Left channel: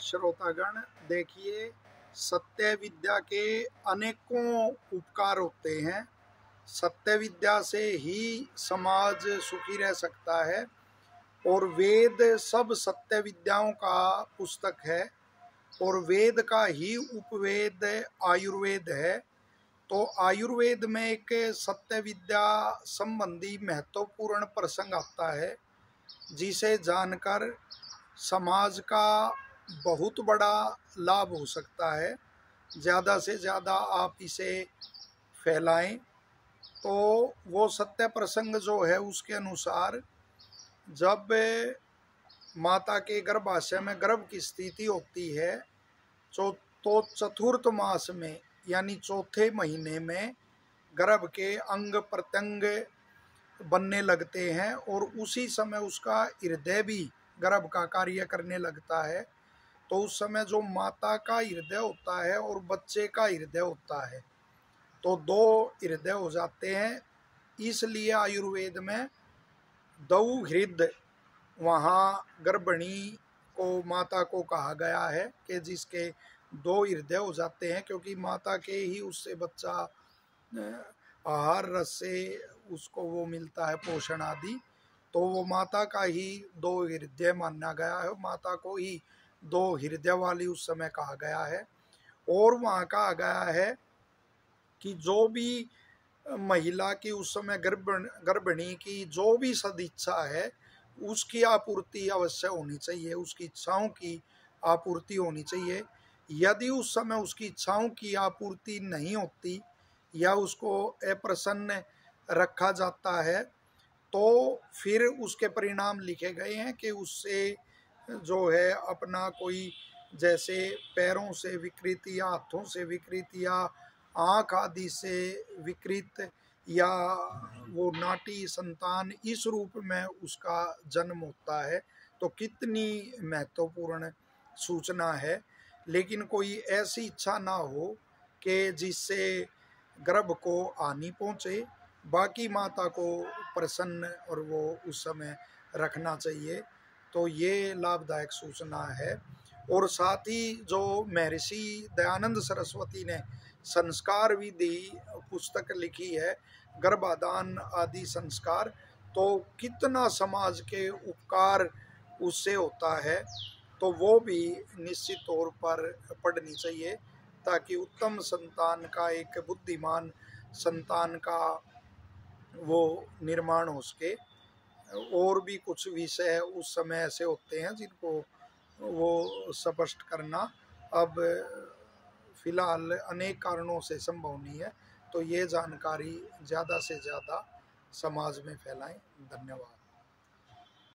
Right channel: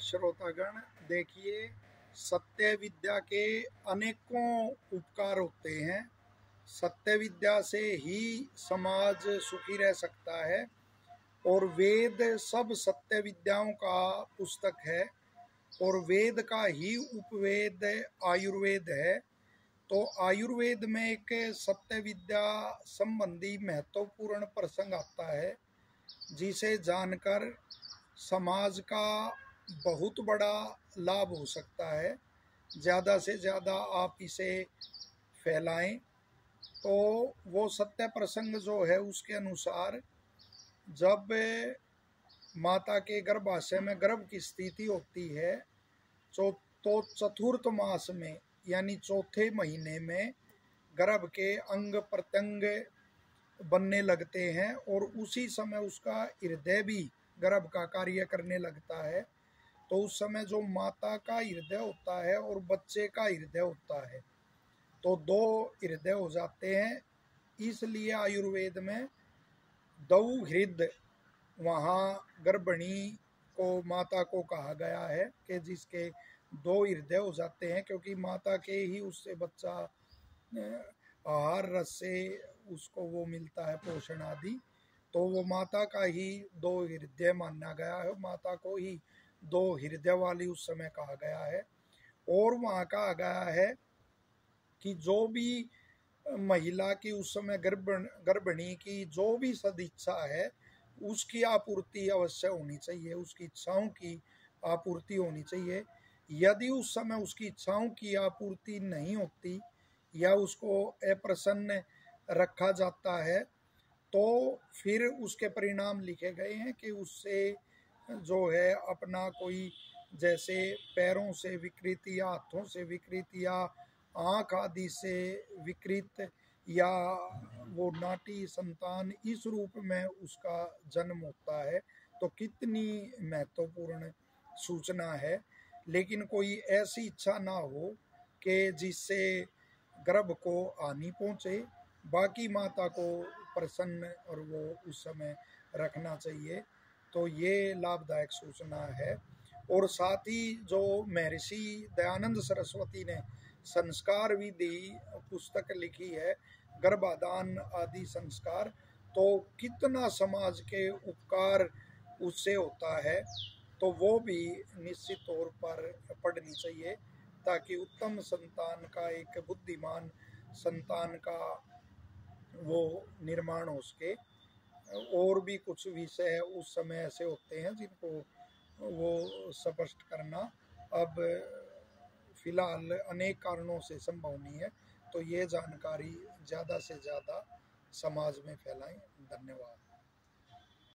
श्रोतागण, देखिए, सत्य विद्या के अनेकों उपकार होते हैं। सत्य विद्या से ही समाज सुखी रह सकता है और वेद सब सत्य विद्याओं का पुस्तक है और वेद का ही उपवेद आयुर्वेद है। तो आयुर्वेद में एक सत्य विद्या संबंधी महत्वपूर्ण प्रसंग आता है जिसे जानकर समाज का बहुत बड़ा लाभ हो सकता है। ज़्यादा से ज़्यादा आप इसे फैलाएं। तो वो सत्य प्रसंग जो है उसके अनुसार, जब माता के गर्भाशय में गर्भ की स्थिति होती है तो चतुर्थ मास में यानी चौथे महीने में गर्भ के अंग प्रत्यंग बनने लगते हैं और उसी समय उसका हृदय भी गर्भ का कार्य करने लगता है। तो उस समय जो माता का हृदय होता है और बच्चे का हृदय होता है, तो दो हृदय हो जाते हैं। इसलिए आयुर्वेद में दौ हृदय, वहाँ गर्भिणी को, माता को कहा गया है कि जिसके दो हृदय हो जाते हैं, क्योंकि माता के ही उससे बच्चा आहार रस से उसको वो मिलता है, पोषण आदि। तो वो माता का ही दो हृदय माना गया है, माता को ही दो हृदय वाली उस समय कहा गया है। और वहाँ कहा गया है कि जो भी महिला की उस समय गर्भिणी की जो भी सदिच्छा है उसकी आपूर्ति अवश्य होनी चाहिए, उसकी इच्छाओं की आपूर्ति होनी चाहिए। यदि उस समय उसकी इच्छाओं की आपूर्ति नहीं होती या उसको अप्रसन्न रखा जाता है तो फिर उसके परिणाम लिखे गए हैं कि उससे जो है अपना कोई, जैसे पैरों से विकृति या हाथों से विकृति या आँख आदि से विकृत या वो नाटी संतान, इस रूप में उसका जन्म होता है। तो कितनी महत्वपूर्ण सूचना है। लेकिन कोई ऐसी इच्छा ना हो कि जिससे गर्भ को हानि पहुँचे। बाकी माता को प्रसन्न और वो उस समय रखना चाहिए। तो ये लाभदायक सूचना है। और साथ ही जो महर्षि दयानंद सरस्वती ने संस्कार विधि पुस्तक लिखी है, गर्भाधान आदि संस्कार, तो कितना समाज के उपकार उससे होता है। तो वो भी निश्चित तौर पर पढ़नी चाहिए ताकि उत्तम संतान का, एक बुद्धिमान संतान का वो निर्माण हो सके। और भी कुछ विषय उस समय ऐसे होते हैं जिनको वो स्पष्ट करना अब फिलहाल अनेक कारणों से संभव नहीं है। तो ये जानकारी ज़्यादा से ज़्यादा समाज में फैलाएं। धन्यवाद।